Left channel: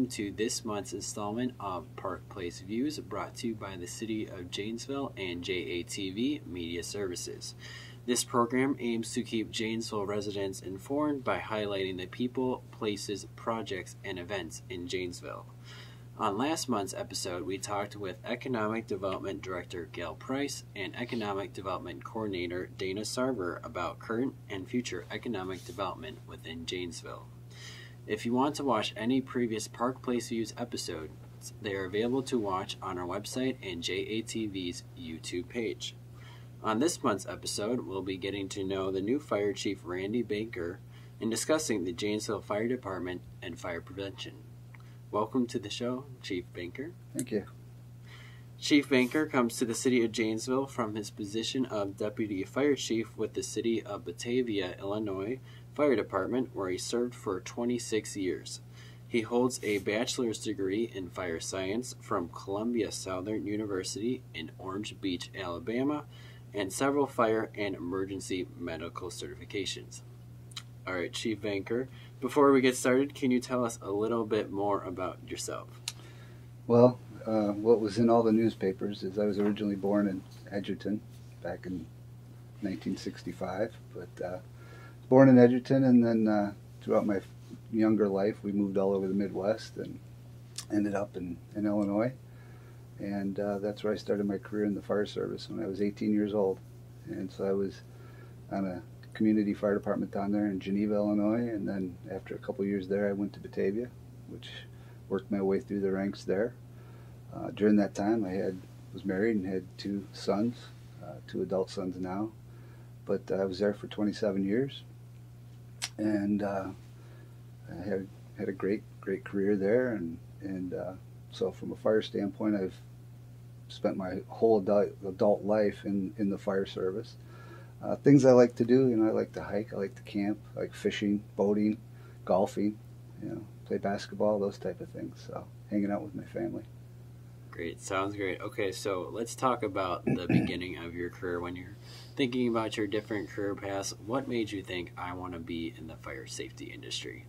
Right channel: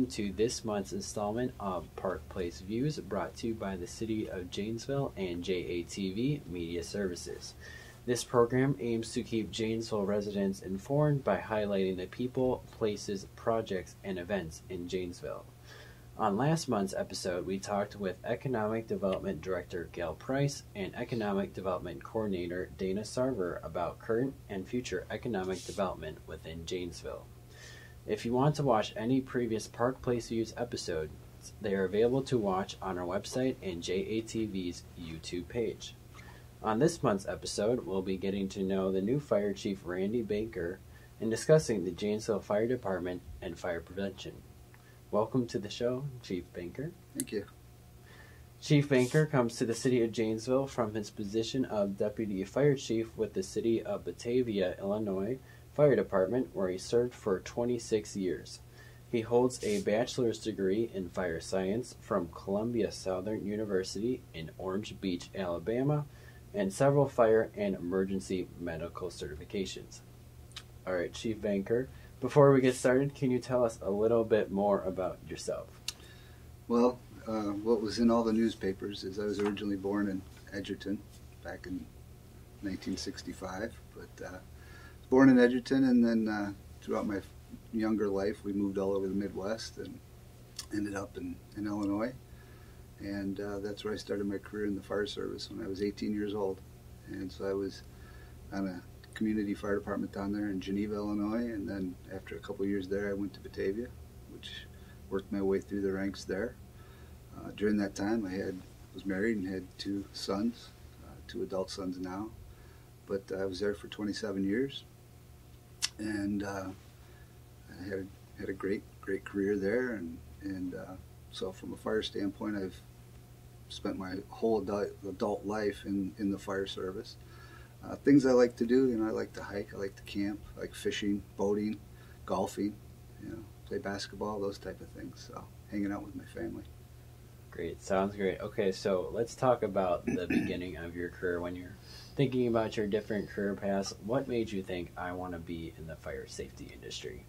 welcome to this month's installment of Park Place Views, brought to you by the City of Janesville and JATV Media Services. This program aims to keep Janesville residents informed by highlighting the people, places, projects, and events in Janesville. On last month's episode, we talked with Economic Development Director Gail Price and Economic Development Coordinator Dana Sarver about current and future economic development within Janesville. If you want to watch any previous Park Place Views episodes, they are available to watch on our website and JATV's YouTube page. On this month's episode, we'll be getting to know the new Fire Chief Randy Banker and discussing the Janesville Fire Department and fire prevention. Welcome to the show, Chief Banker. Thank you. Chief Banker comes to the City of Janesville from his position of Deputy Fire Chief with the City of Batavia, Illinois Fire Department, where he served for 26 years. He holds a bachelor's degree in fire science from Columbia Southern University in Orange Beach, Alabama, and several fire and emergency medical certifications. All right, Chief Banker, before we get started, can you tell us a little bit more about yourself? Well, what was in all the newspapers is I was originally born in Edgerton back in 1965, but born in Edgerton, and then throughout my younger life we moved all over the Midwest and ended up in Illinois, and that's where I started my career in the fire service when I was 18 years old. And so I was on a community fire department down there in Geneva, Illinois, and then after a couple years there I went to Batavia, which worked my way through the ranks there. During that time I was married and had two sons, two adult sons now, but I was there for 27 years, and I had a great career there, and so from a fire standpoint I've spent my whole adult life in the fire service. Things I like to do, I like to hike, I like to camp, I like fishing, boating, golfing, play basketball, those type of things. So hanging out with my family. Great, sounds great. Okay, so let's talk about the beginning of your career. When you're thinking about your different career paths, what made you think, I want to be in the fire safety industry?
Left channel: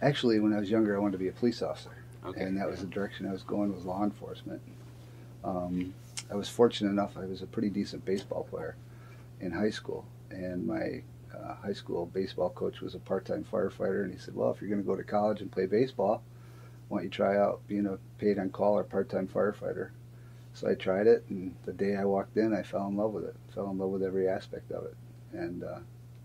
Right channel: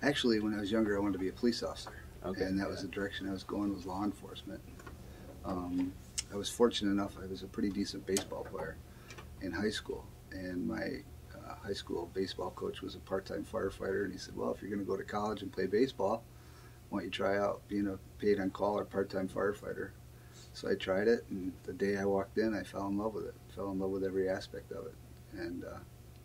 Actually, when I was younger, I wanted to be a police officer. Okay, and that was the direction I was going, was law enforcement. I was fortunate enough, I was a pretty decent baseball player in high school, and my high school baseball coach was a part-time firefighter, and he said, well, if you're going to go to college and play baseball, why don't you try out being a paid-on-call or part-time firefighter? So I tried it, and the day I walked in, I fell in love with it. Fell in love with every aspect of it, and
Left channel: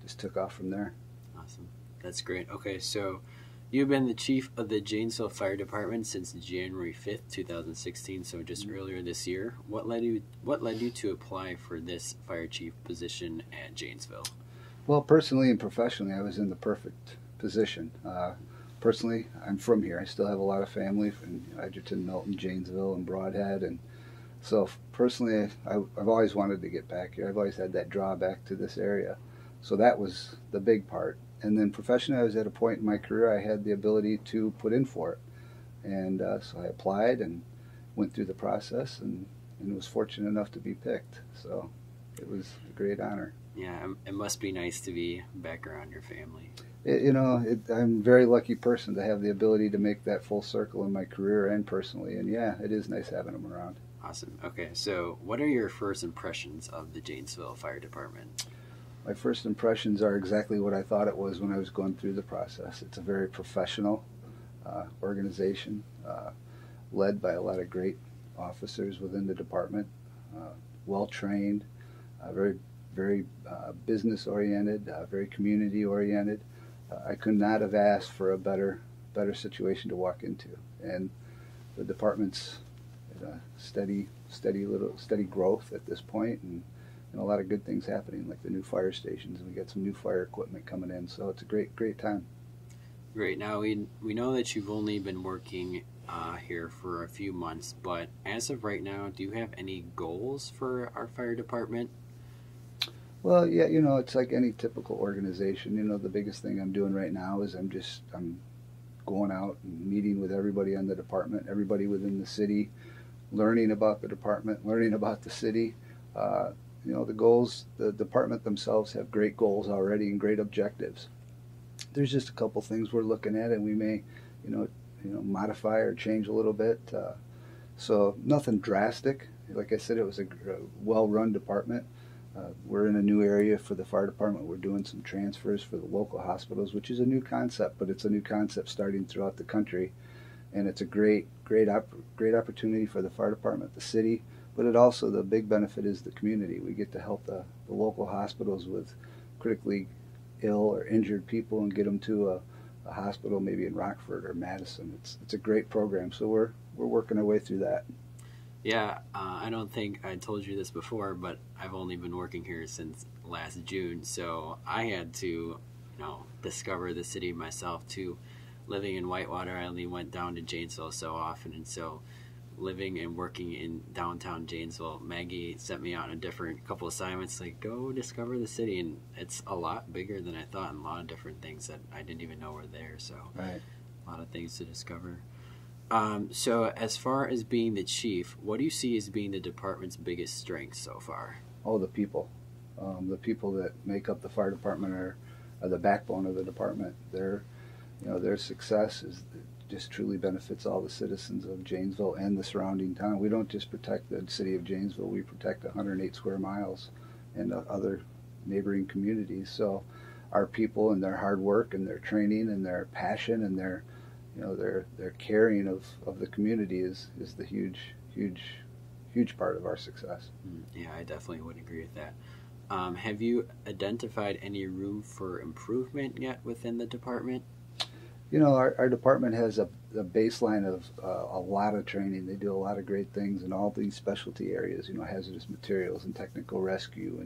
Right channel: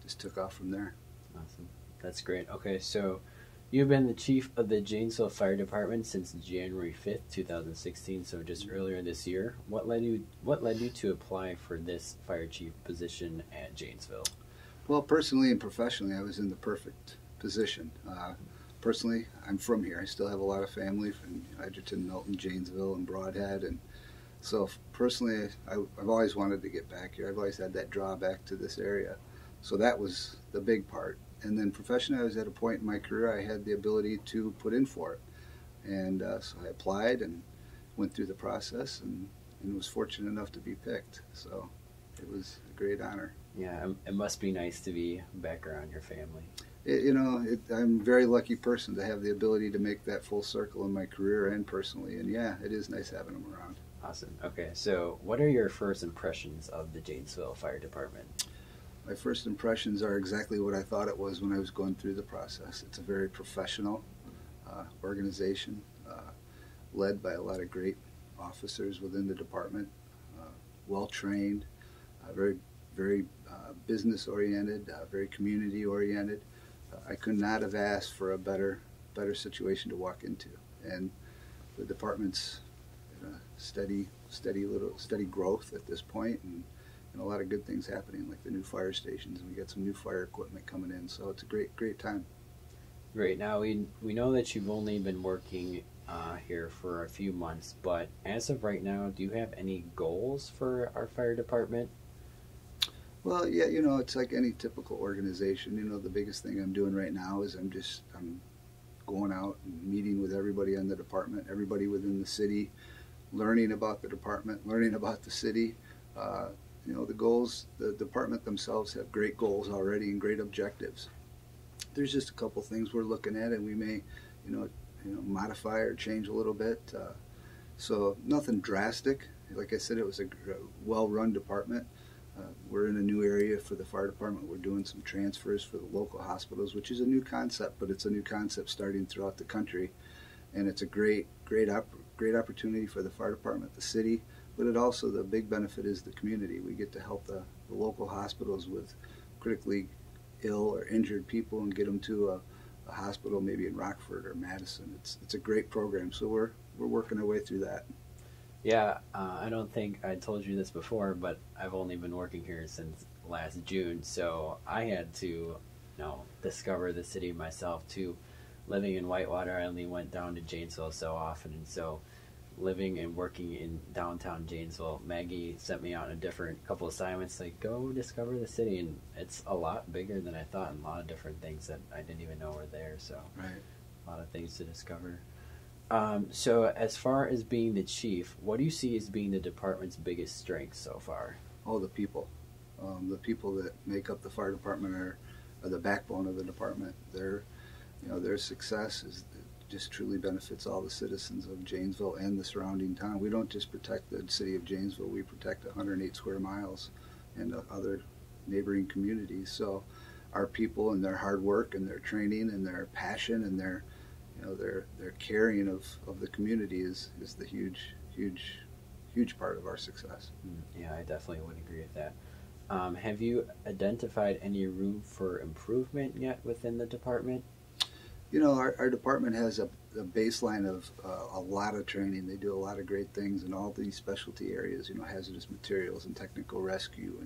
just took off from there. Awesome. That's great. Okay, so you've been the chief of the Janesville Fire Department since January 5th, 2016, so just earlier this year. What led you to apply for this fire chief position at Janesville? Well, personally and professionally, I was in the perfect position. Personally, I'm from here. I still have a lot of family from Edgerton, Milton, Janesville, and Broadhead, and so personally, I've always wanted to get back here. I've always had that drawback to this area, so that was the big part. And then professionally, I was at a point in my career I had the ability to put in for it, and so I applied and went through the process, and was fortunate enough to be picked. So it was a great honor. Yeah, it must be nice to be back around your family. I'm a very lucky person to have the ability to make that full circle in my career and personally, and yeah, it is nice having them around. Awesome. Okay, so what are your first impressions of the Janesville Fire Department? My first impressions are exactly what I thought it was when I was going through the process. It's a very professional organization, led by a lot of great officers within the department, well-trained, very business-oriented, very community-oriented. I could not have asked for a better situation to walk into, and the department's steady growth at this point, and a lot of good things happening, like the new fire stations, and we got some new fire equipment coming in, so it's a great time. Great. Now we know that you've only been working here for a few months, but as of right now, do you have any goals for our fire department? Well, yeah, it's like any typical organization. The biggest thing I'm doing right now is I'm going out and meeting with everybody in the department, everybody within the city, learning about the department, learning about the city. The goals, the department themselves have great goals already and great objectives. There's just a couple things we're looking at, and we may, modify or change a little bit. So nothing drastic. Like I said, it was a well-run department. We're in a new area for the fire department. We're doing some transfers for the local hospitals, which is a new concept, but it's a new concept starting throughout the country. And it's a great opportunity for the fire department, the city, but it also, the big benefit is the community. We get to help the local hospitals with critically ill or injured people and get them to a hospital maybe in Rockford or Madison. It's a great program, so we're working our way through that. Yeah, I don't think I told you this before, but I've only been working here since last June, so I had to, discover the city myself too. Living in Whitewater, I only went down to Janesville so often, and so living and working in downtown Janesville, Maggie sent me out on a couple assignments, like, go discover the city, and it's a lot bigger than I thought, and a lot of different things that I didn't even know were there, so right. A lot of things to discover. So as far as being the chief, what do you see as being the department's biggest strength so far? Oh, the people. The people that make up the fire department are the backbone of the department. Their success just truly benefits all the citizens of Janesville and the surrounding town. We don't just protect the city of Janesville, we protect 108 square miles and other neighboring communities. So our people and their hard work and their training and their passion and their caring of the community is the huge part of our success. Yeah, I definitely would agree with that. Have you identified any room for improvement yet within the department? Our department has a baseline of a lot of training. They do a lot of great things in all these specialty areas, hazardous materials and technical rescue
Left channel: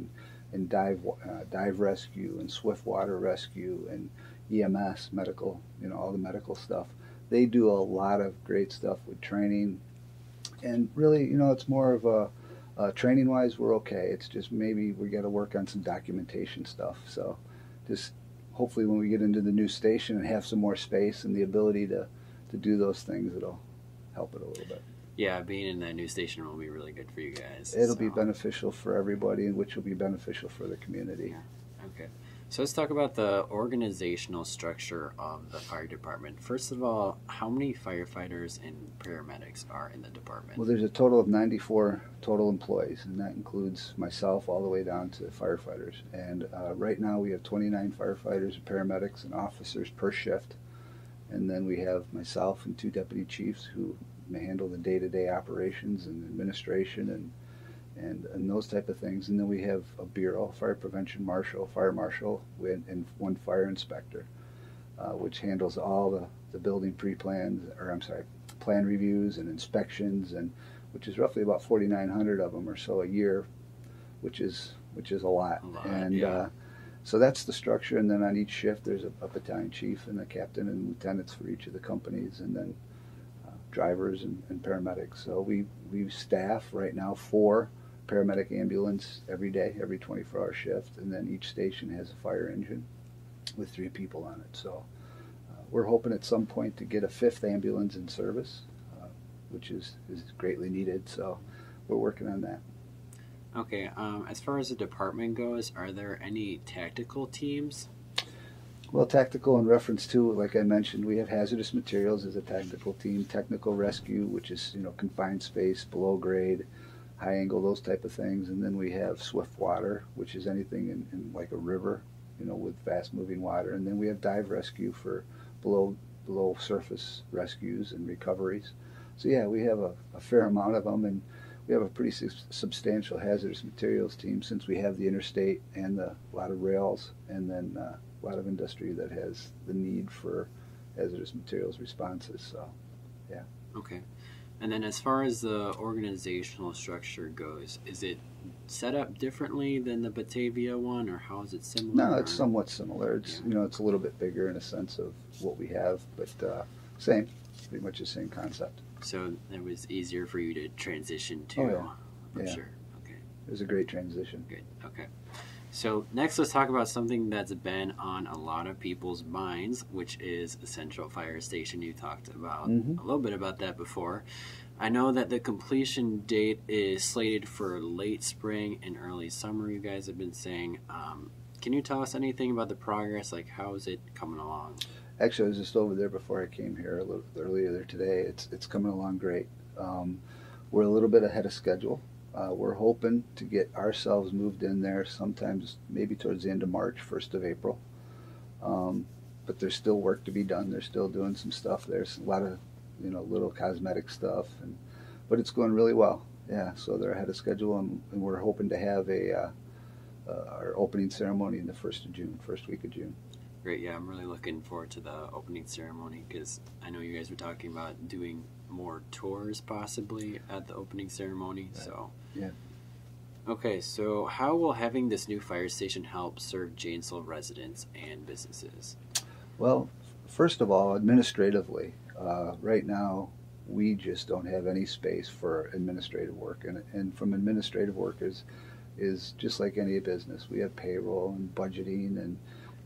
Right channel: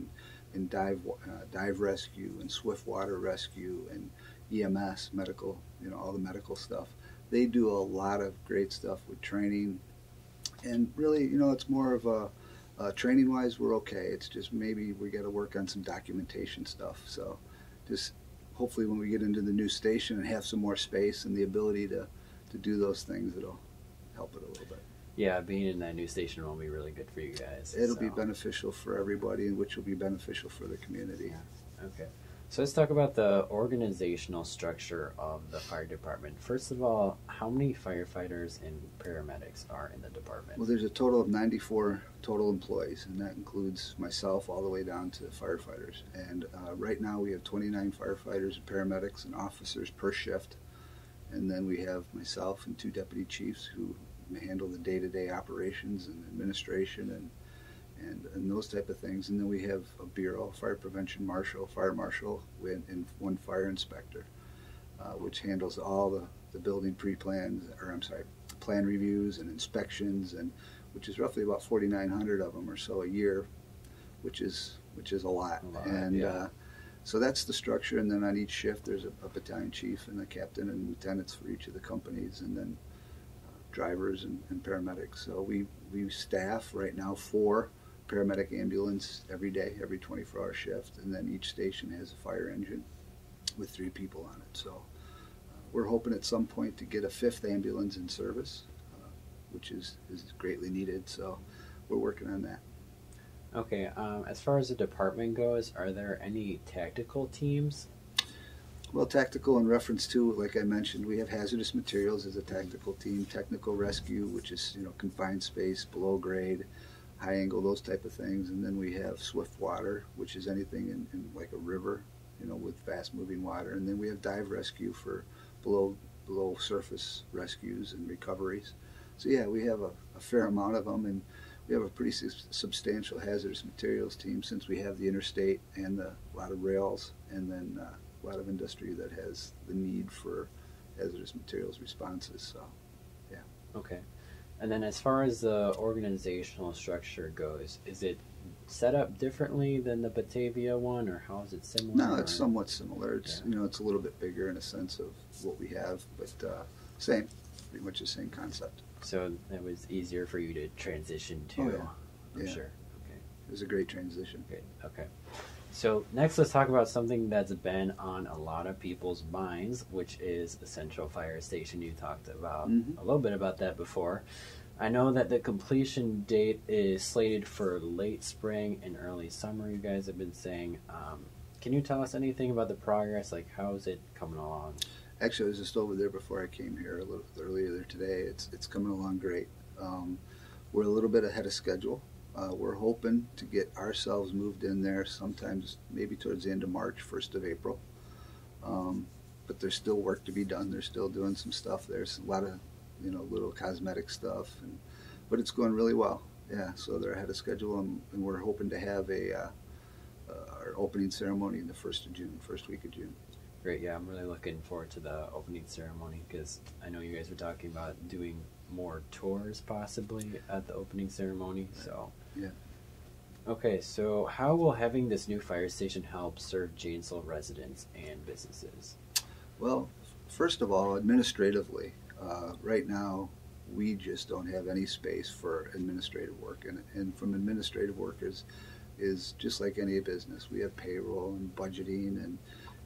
and dive rescue and swift water rescue and EMS, medical, all the medical stuff. They do a lot of great stuff with training. And really, it's more of a training-wise, we're okay. It's just maybe we got to work on some documentation stuff. So just hopefully when we get into the new station and have some more space and the ability to do those things, it'll help it a little bit. Yeah, being in that new station will be really good for you guys. It'll be beneficial for everybody, and which will be beneficial for the community. Yeah. Okay. So let's talk about the organizational structure of the fire department. First of all, how many firefighters and paramedics are in the department? Well, there's a total of 94 total employees, and that includes myself all the way down to firefighters. And right now we have 29 firefighters and paramedics and officers per shift. And then we have myself and 2 deputy chiefs who may handle the day-to-day operations and administration and those type of things. And then we have a bureau, fire prevention marshal, fire marshal, and 1 fire inspector, which handles all the building plan reviews and inspections, and which is roughly about 4,900 of them or so a year, which is a lot. So that's the structure. And then on each shift there's a battalion chief and a captain and lieutenants for each of the companies, and then drivers and paramedics. So we staff right now 4 paramedic ambulance every day, every 24-hour shift, and then each station has a fire engine with 3 people on it. So we're hoping at some point to get a 5th ambulance in service, which is greatly needed. So we're working on that. Okay, as far as the department goes, are there any tactical teams? Well, tactical in reference to, like I mentioned, we have hazardous materials as a tactical team, technical rescue, which is confined space, below grade, high angle, those type of things, and then we have swift water, which is anything in like a river, with fast moving water, and then we have dive rescue for below surface rescues and recoveries. So yeah, we have a fair amount of them, and we have a pretty substantial hazardous materials team since we have the interstate and a lot of rails, and then a lot of industry that has the need for hazardous materials responses. So, yeah. Okay. And then as far as the organizational structure goes, is it set up differently than the Batavia one, or how is it similar? No, it's somewhat similar. It's it's a little bit bigger in a sense of what we have, but same, pretty much the same concept. So it was easier for you to transition to. Oh, yeah. For sure. Okay. It was a great transition. Good. Okay. So next, let's talk about something that's been on a lot of people's minds, which is the Central Fire Station. You talked about a little bit about that before. I know that the completion date is slated for late spring and early summer, you guys have been saying. Can you tell us anything about the progress? Like, how is it coming along? Actually, I was just over there before I came here a little earlier there today. It's coming along great. We're a little bit ahead of schedule. We're hoping to get ourselves moved in there sometimes maybe towards the end of March, 1st of April. But there's still work to be done. They're still doing some stuff. There's a lot of, little cosmetic stuff, but it's going really well. Yeah, so they're ahead of schedule, and we're hoping to have our opening ceremony in the 1st of June, first week of June. Great, yeah, I'm really looking forward to the opening ceremony because I know you guys were talking about doing more tours possibly at the opening ceremony. Right. So, yeah. Okay, so how will having this new fire station help serve Janesville residents and businesses? Well, first of all, administratively, right now we just don't have any space for administrative work, and from administrative work is just like any business. We have payroll and budgeting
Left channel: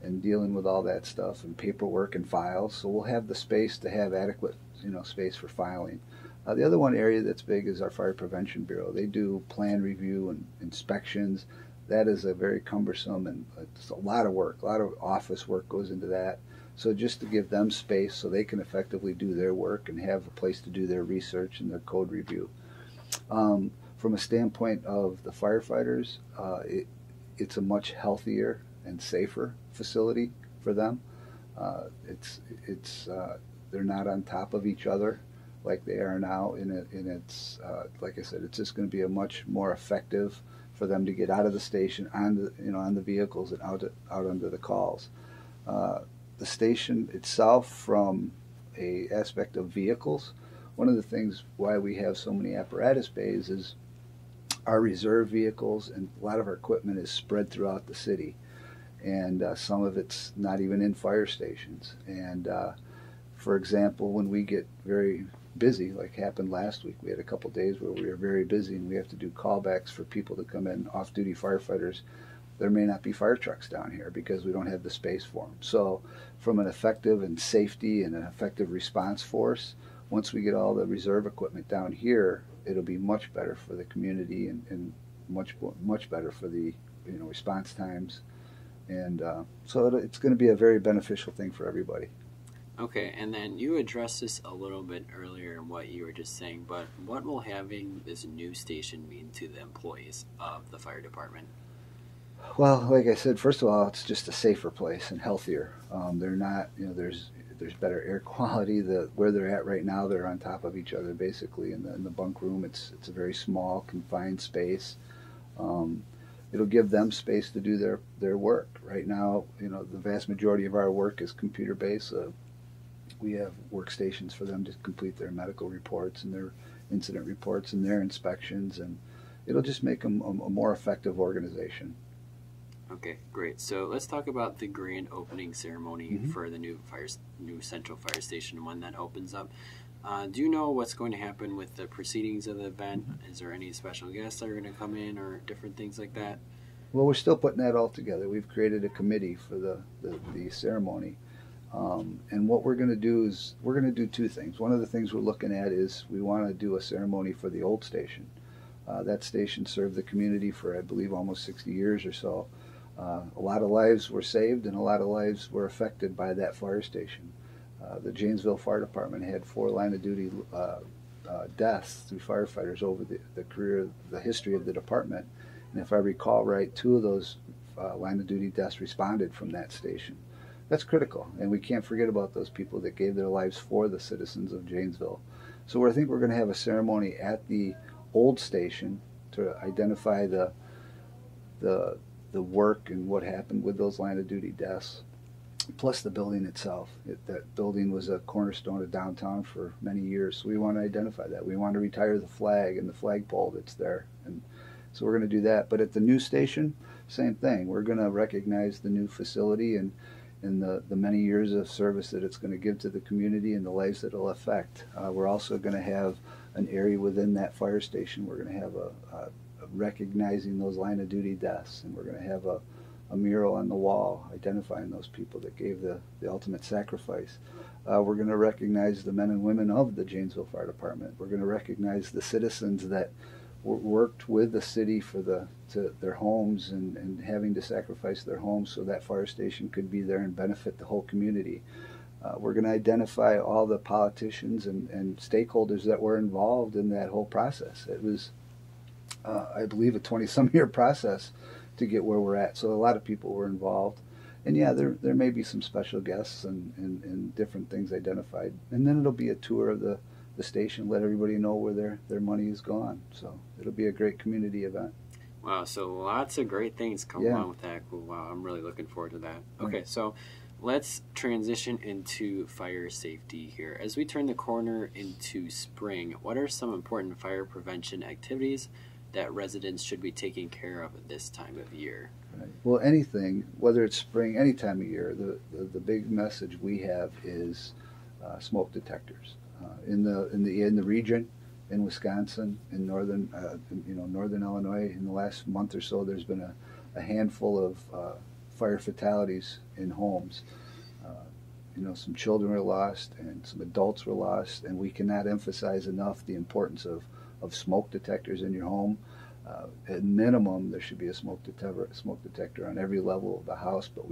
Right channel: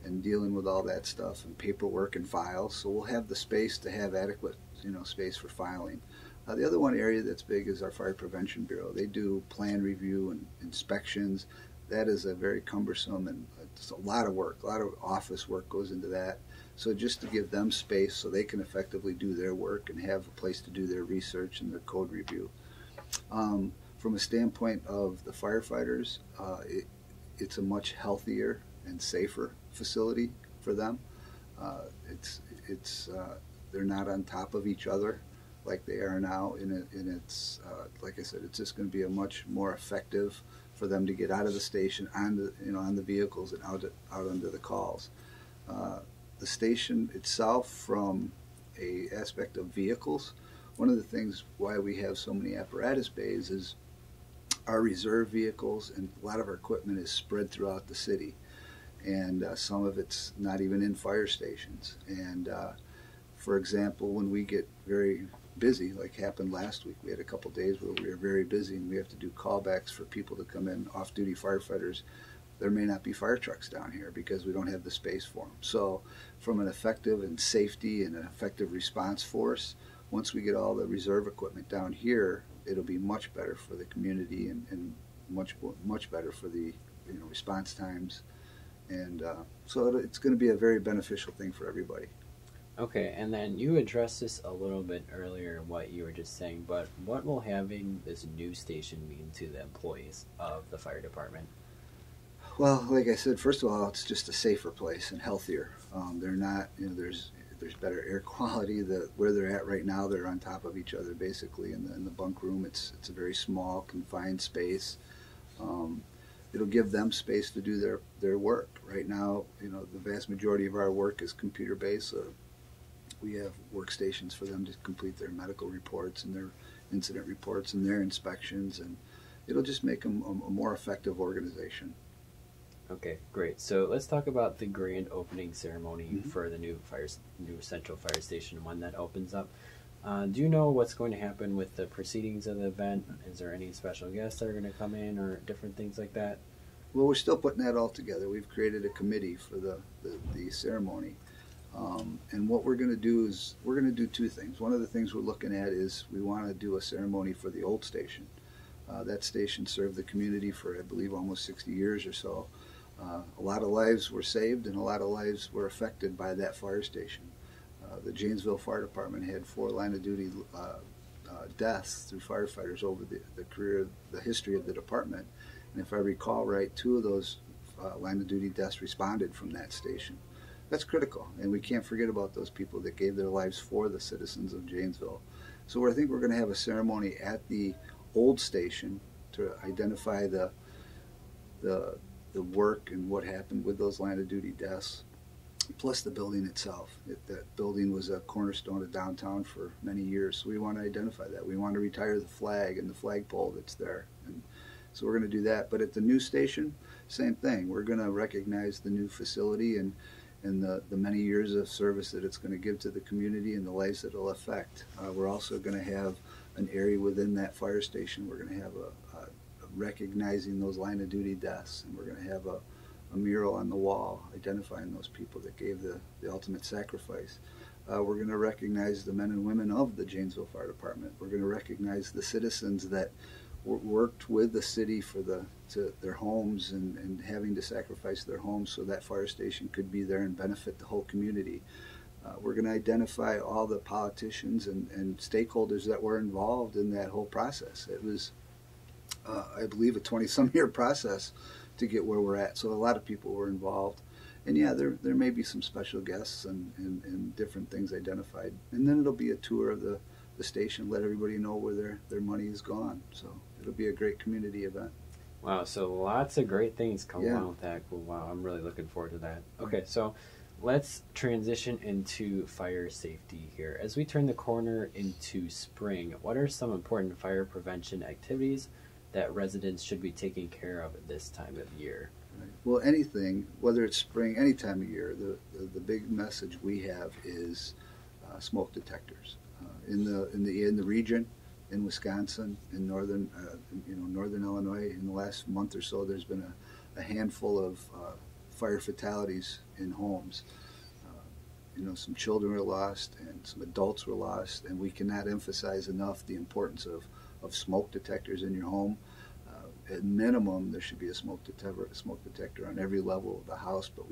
and dealing with all that stuff and paperwork and files. So we'll have the space to have adequate, space for filing. The other one area that's big is our Fire Prevention Bureau. They do plan review and inspections. That is a very cumbersome and it's a lot of work. A lot of office work goes into that. So just to give them space so they can effectively do their work and have a place to do their research and their code review. From a standpoint of the firefighters, it's a much healthier and safer facility for them. They're not on top of each other like they are now, and it's like I said, it's just going to be a much more effective for them to get out of the station on the vehicles and out under the calls. The station itself, from a aspect of vehicles, one of the things why we have so many apparatus bays is our reserve vehicles and a lot of our equipment is spread throughout the city, and some of it's not even in fire stations. And for example, when we get very busy, like happened last week, we had a couple days where we were very busy and we have to do callbacks for people to come in, off-duty firefighters. There may not be fire trucks down here because we don't have the space for them. So from an effective and safety and an effective response force, once we get all the reserve equipment down here, it'll be much better for the community and much better for the response times. And so it's going to be a very beneficial thing for everybody. Okay, and then you addressed this a little bit earlier in what you were just saying, but what will having this new station mean to the employees of the fire department? Well, like I said, first of all, it's just a safer place and healthier. They're not, there's better air quality. Where they're at right now, they're on top of each other basically in the bunk room. It's a very small, confined space. It'll give them space to do their work. Right now, the vast majority of our work is computer-based. We have workstations for them to complete their medical reports and their incident reports and their inspections, and it'll just make them a more effective organization. Okay, great. So let's talk about the grand opening ceremony for the new Central Fire Station when that opens up. Do you know what's going to happen with the proceedings of the event? Is there any special guests that are going to come in or different things like that? Well, we're still putting that all together. We've created a committee for the ceremony. And what we're going to do is we're going to do two things. One of the things we're looking at is we want to do a ceremony for the old station. That station served the community for, I believe, almost 60 years or so. A lot of lives were saved and a lot of lives were affected by that fire station. The Janesville Fire Department had 4 line-of-duty deaths through firefighters over the history of the department. And if I recall right, 2 of those line-of-duty deaths responded from that station. That's critical, and we can't forget about those people that gave their lives for the citizens of Janesville. So I think we're going to have a ceremony at the old station to identify the work and what happened with those line-of-duty deaths, plus the building itself. That building was a cornerstone of downtown for many years, so we want to identify that. We want to retire the flag and the flagpole that's there, and so we're going to do that. But at the new station, same thing. We're going to recognize the new facility and the many years of service that it's going to give to the community and the lives that it'll affect. We're also going to have an area within that fire station. We're going to have a recognizing those line-of-duty deaths, and we're going to have a mural on the wall identifying those people that gave the ultimate sacrifice. We're going to recognize the men and women of the Janesville Fire Department. We're going to recognize the citizens that worked with the city for their homes and having to sacrifice their homes so that fire station could be there and benefit the whole community. We're going to identify all the politicians and stakeholders that were involved in that whole process. It was, I believe, a 20-some year process to get where we're at. So a lot of people were involved. And yeah, there may be some special guests and different things identified. And then it'll be a tour of the station, let everybody know where their money is gone. So it'll be a great community event. Wow, so lots of great things come along with that. Wow, I'm really looking forward to that. Okay, so let's transition into fire safety here. As we turn the corner into spring, what are some important fire prevention activities that residents should be taking care of at this time of year? Right. Well, anything, whether it's spring, any time of year, the big message we have is smoke detectors. In the region, in Wisconsin, in northern Illinois, in the last month or so, there's been a handful of fire fatalities in homes. Some children were lost and some adults were lost, and we cannot emphasize enough the importance of smoke detectors in your home. At minimum, there should be a smoke detector on every level of the house, but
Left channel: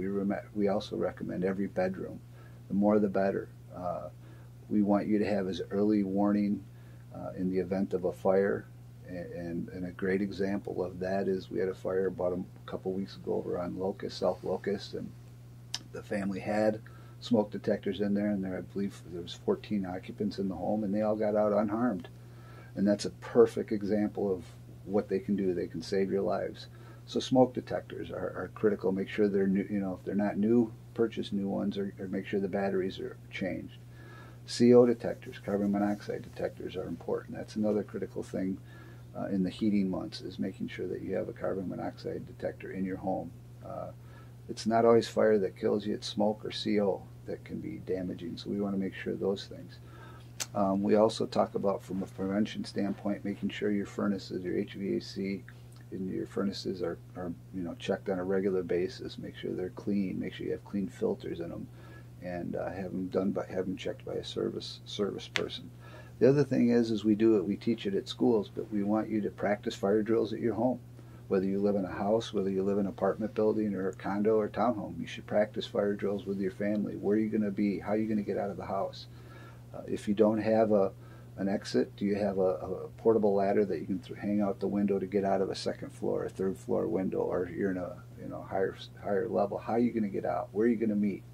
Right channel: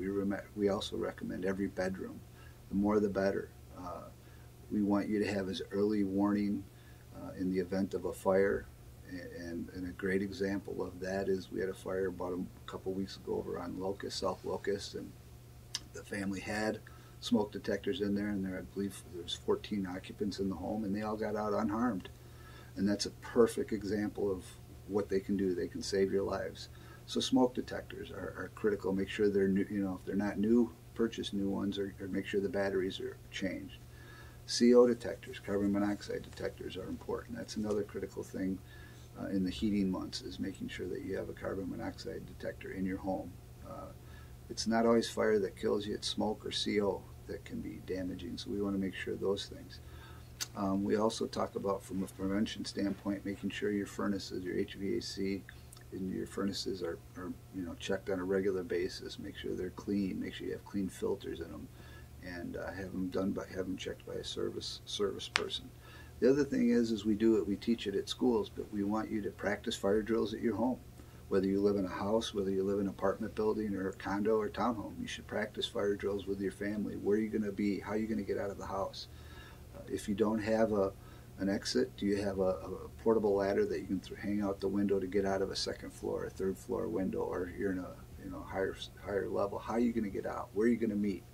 we also recommend every bedroom. The more the better. We want you to have as early warning in the event of a fire, and a great example of that is we had a fire about a couple weeks ago over on South Locust, and the family had smoke detectors in there, and I believe there was 14 occupants in the home, and they all got out unharmed. And that's a perfect example of what they can do. They can save your lives. So smoke detectors are critical. Make sure they're new, if they're not new, purchase new ones, or make sure the batteries are changed. CO detectors, carbon monoxide detectors, are important. That's another critical thing in the heating months, is making sure that you have a carbon monoxide detector in your home. It's not always fire that kills you, it's smoke or CO that can be damaging, so we want to make sure those things. We also talk about, from a prevention standpoint, making sure your furnaces, your HVAC and your furnaces are checked on a regular basis. Make sure they're clean. Make sure you have clean filters in them, and have them checked by a service person. The other thing is we teach it at schools, but we want you to practice fire drills at your home. Whether you live in a house, whether you live in an apartment building or a condo or townhome, you should practice fire drills with your family. Where are you going to be? How are you going to get out of the house? If you don't have an exit, do you have a portable ladder that you can hang out the window to get out of a second floor or third floor window, or if you're in a higher level? How are you going to get out? Where are you going to meet?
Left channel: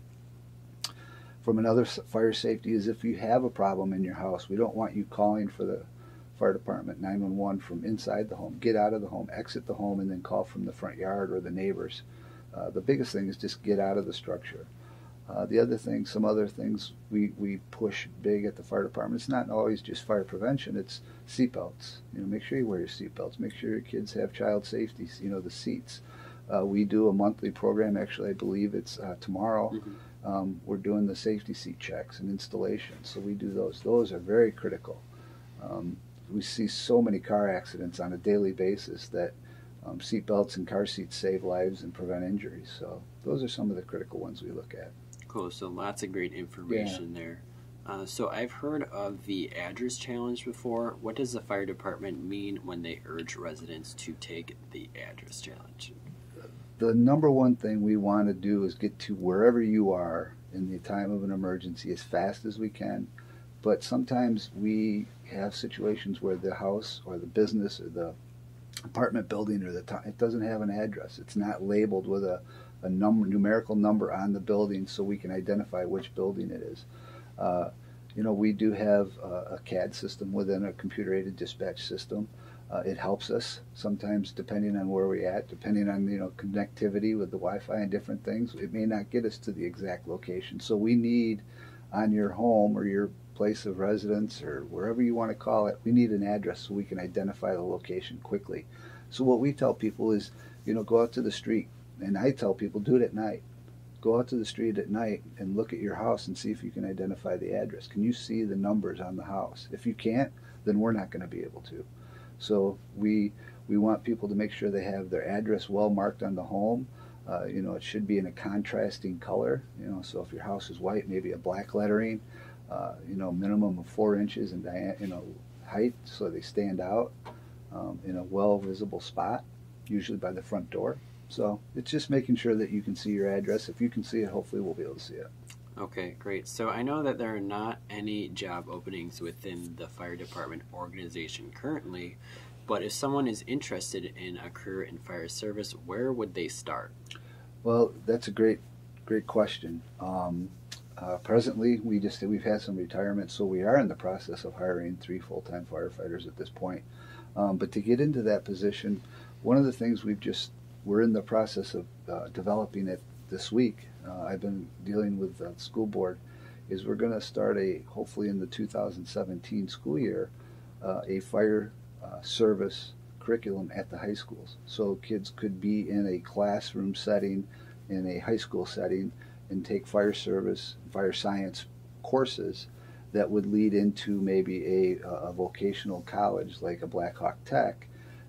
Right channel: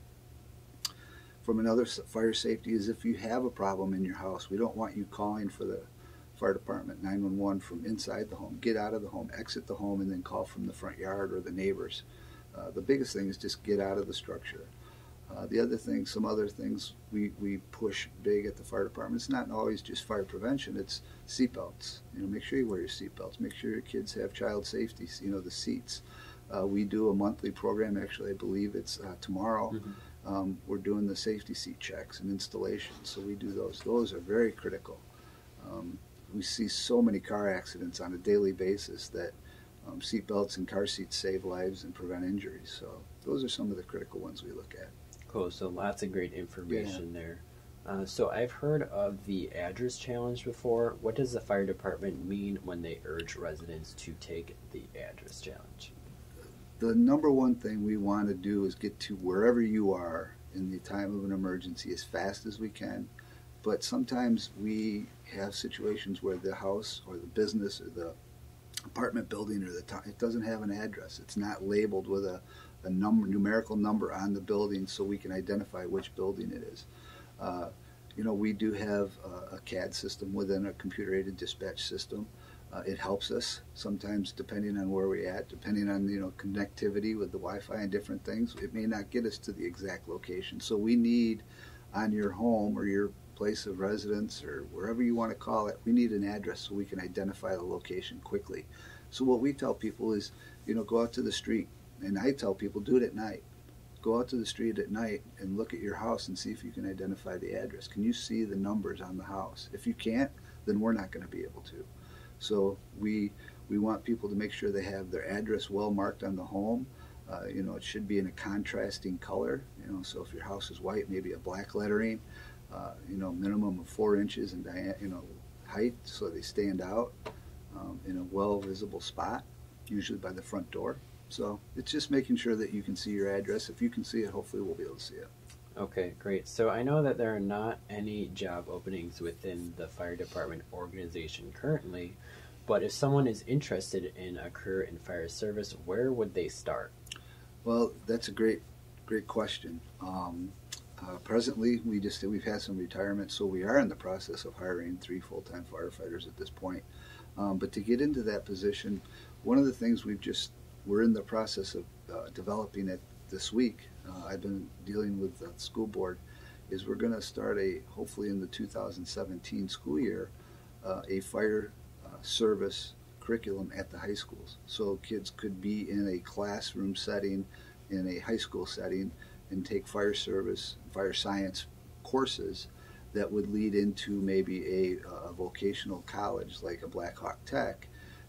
From another fire safety is, if you have a problem in your house, we don't want you calling for the fire department 911 from inside the home. Get out of the home, exit the home, and then call from the front yard or the neighbors. The biggest thing is just get out of the structure. The other thing, some other things we push big at the fire department, it's not always just fire prevention, it's seatbelts. Make sure you wear your seatbelts. Make sure your kids have child safety, the seats. We do a monthly program, actually I believe it's tomorrow. Mm-hmm. We're doing the safety seat checks and installations, so we do those. Those are very critical. We see so many car accidents on a daily basis that seatbelts and car seats save lives and prevent injuries. So those are some of the critical ones we look at. Cool. So lots of great information there. So I've heard of the address challenge before. What does the fire department mean when they urge residents to take the address challenge? The number one thing we want to do is get to wherever you are in the time of an emergency as fast as we can. But sometimes we have situations where the house or the business or the apartment building or it doesn't have an address. It's not labeled with a numerical number on the building, so we can identify which building it is. We do have a CAD system within a computer-aided dispatch system. It helps us sometimes, depending on where we're at, depending on connectivity with the Wi-Fi and different things. It may not get us to the exact location, so we need, on your home or your place of residence or wherever you want to call it, we need an address so we can identify the location quickly. So what we tell people is, go out to the street, and I tell people, do it at night. Go out to the street at night and look at your house and see if you can identify the address. Can you see the numbers on the house? If you can't, then we're not going to be able to. So we want people to make sure they have their address well marked on the home. It should be in a contrasting color. So if your house is white, maybe a black lettering. Minimum of 4 inches in height, so they stand out in a well visible spot, usually by the front door. So it's just making sure that you can see your address. If you can see it, hopefully we'll be able to see it. Okay, great. So I know that there are not any job openings within the fire department organization currently, but if someone is interested in a career in fire service, where would they start? Well, that's a great question. Presently, we've had some retirement, so we are in the process of hiring 3 full-time firefighters at this point. But to get into that position, one of the things we're in the process of developing it this week. I've been dealing with the school board. Is we're going to start hopefully in the 2017 school year, a fire service curriculum at the high schools. So kids could be in a classroom setting, in a high school setting, and take fire service, fire science courses that would lead into maybe a vocational college like a Black Hawk Tech,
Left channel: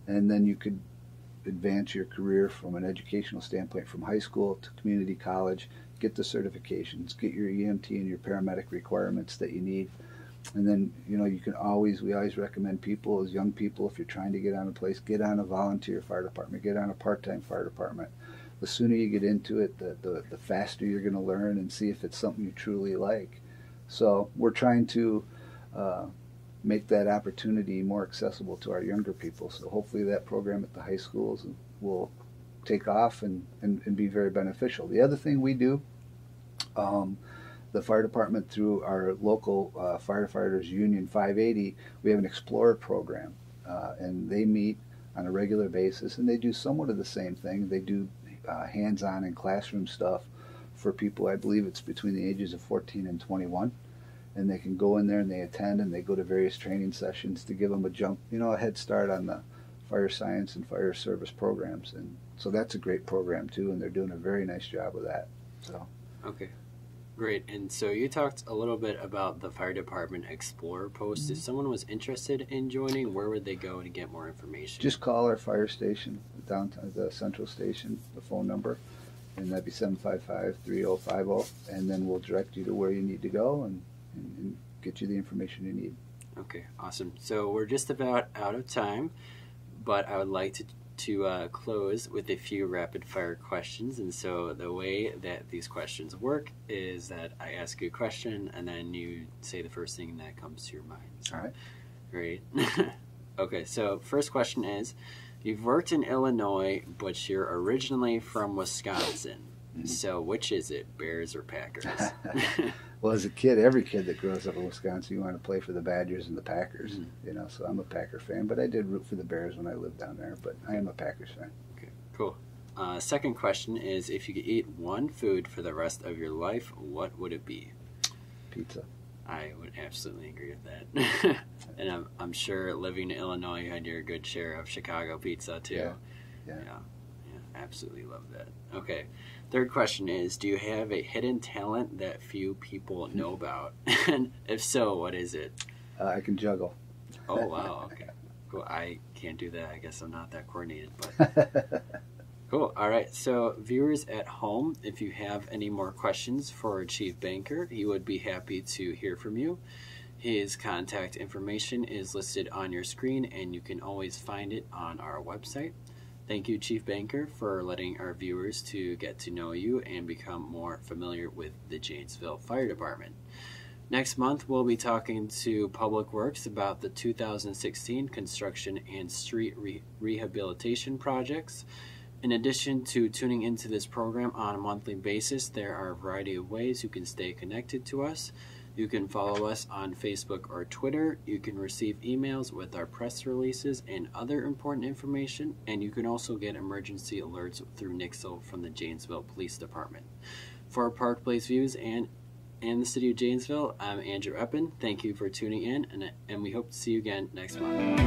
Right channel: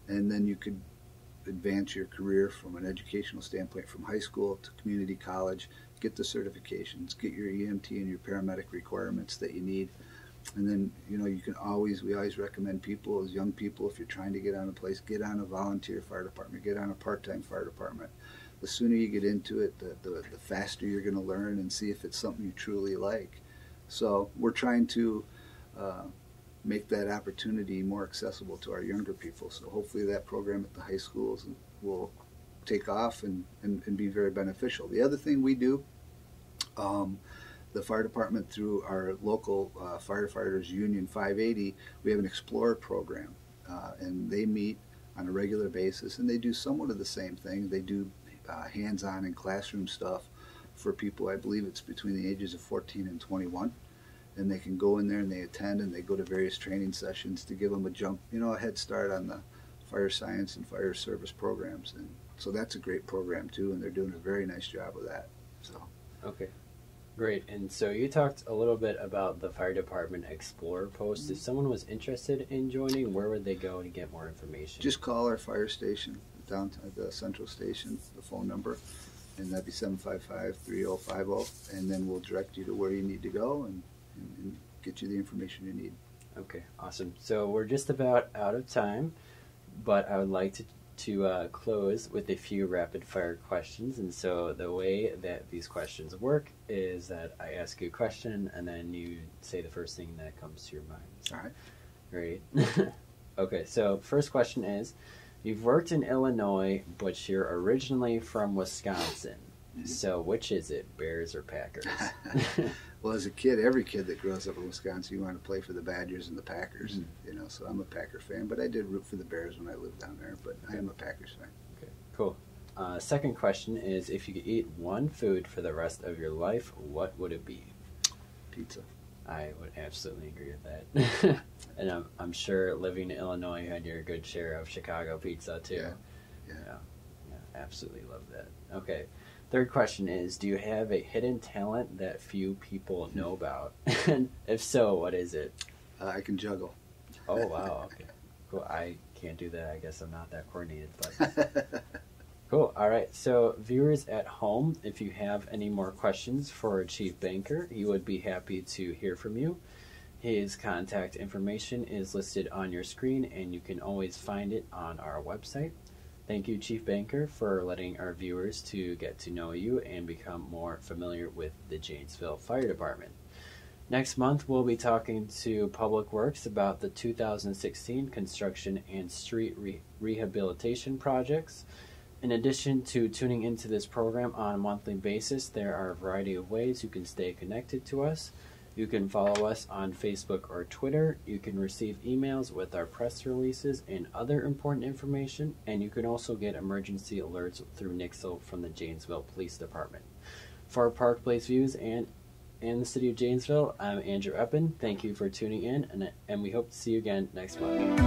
and then you could advance your career from an educational standpoint from high school to community college, get the certifications, get your EMT and your paramedic requirements that you need. And then, we always recommend people, as young people, if you're trying to get on a place, get on a volunteer fire department, get on a part-time fire department. The sooner you get into it, the faster you're going to learn and see if it's something you truly like. So we're trying to make that opportunity more accessible to our younger people. So hopefully that program at the high schools will take off and be very beneficial. The other thing we do, the fire department, through our local firefighters union 580, we have an Explorer program, and they meet on a regular basis, and they do somewhat of the same thing. They do hands-on and classroom stuff for people, I believe it's between the ages of 14 and 21, and they can go in there and they attend and they go to various training sessions to give them a head start on the fire science and fire service programs. And so that's a great program too, and they're doing a very nice job with that. So okay, great. And so you talked a little bit about the fire department Explorer post. Mm-hmm. If someone was interested in joining, where would they go to get more information? Just call our fire station, downtown, the central station, the phone number, and that'd be 755-3050, and then we'll direct you to where you need to go and get you the information you need. Okay, awesome. So we're just about out of time, but I would like to close with a few rapid fire questions. And so the way that these questions work is that I ask you a question and then you say the first thing that comes to your mind. So, all right. Ready? Okay, so first question is, you've worked in Illinois, but you're originally from Wisconsin. So which is it, Bears or Packers? Well, as a kid, every kid that grows up in Wisconsin, you want to play for the Badgers and the Packers. Mm-hmm. So I'm a Packer fan, but I did root for the Bears when I lived down there, but I am a Packers fan. Okay, cool. Second question is, if you could eat one food for the rest of your life, what would it be? Pizza. I would absolutely agree with that. And I'm sure living in Illinois, you had your good share of Chicago pizza too. Yeah, absolutely love that. Okay. Third question is, do you have a hidden talent that few people know about? And if so, what is it? I can juggle. Oh, wow. Okay. Cool. I can't do that. I guess I'm not that coordinated. But cool. All right. So viewers at home, if you have any more questions for Chief Banker, he would be happy to hear from you. His contact information is listed on your screen, and you can always find it on our website. Thank you, Chief Banker, for letting our viewers to get to know you and become more familiar with the Janesville Fire Department. Next month, we'll be talking to Public Works about the 2016 construction and street rehabilitation projects. In addition to tuning into this program on a monthly basis, there are a variety of ways you can stay connected to us. You can follow us on Facebook or Twitter. You can receive emails with our press releases and other important information. And you can also get emergency alerts through Nixle from the Janesville Police Department. For Park Place Views and the City of Janesville, I'm Andrew Eppen. Thank you for tuning in, and we hope to see you again next month.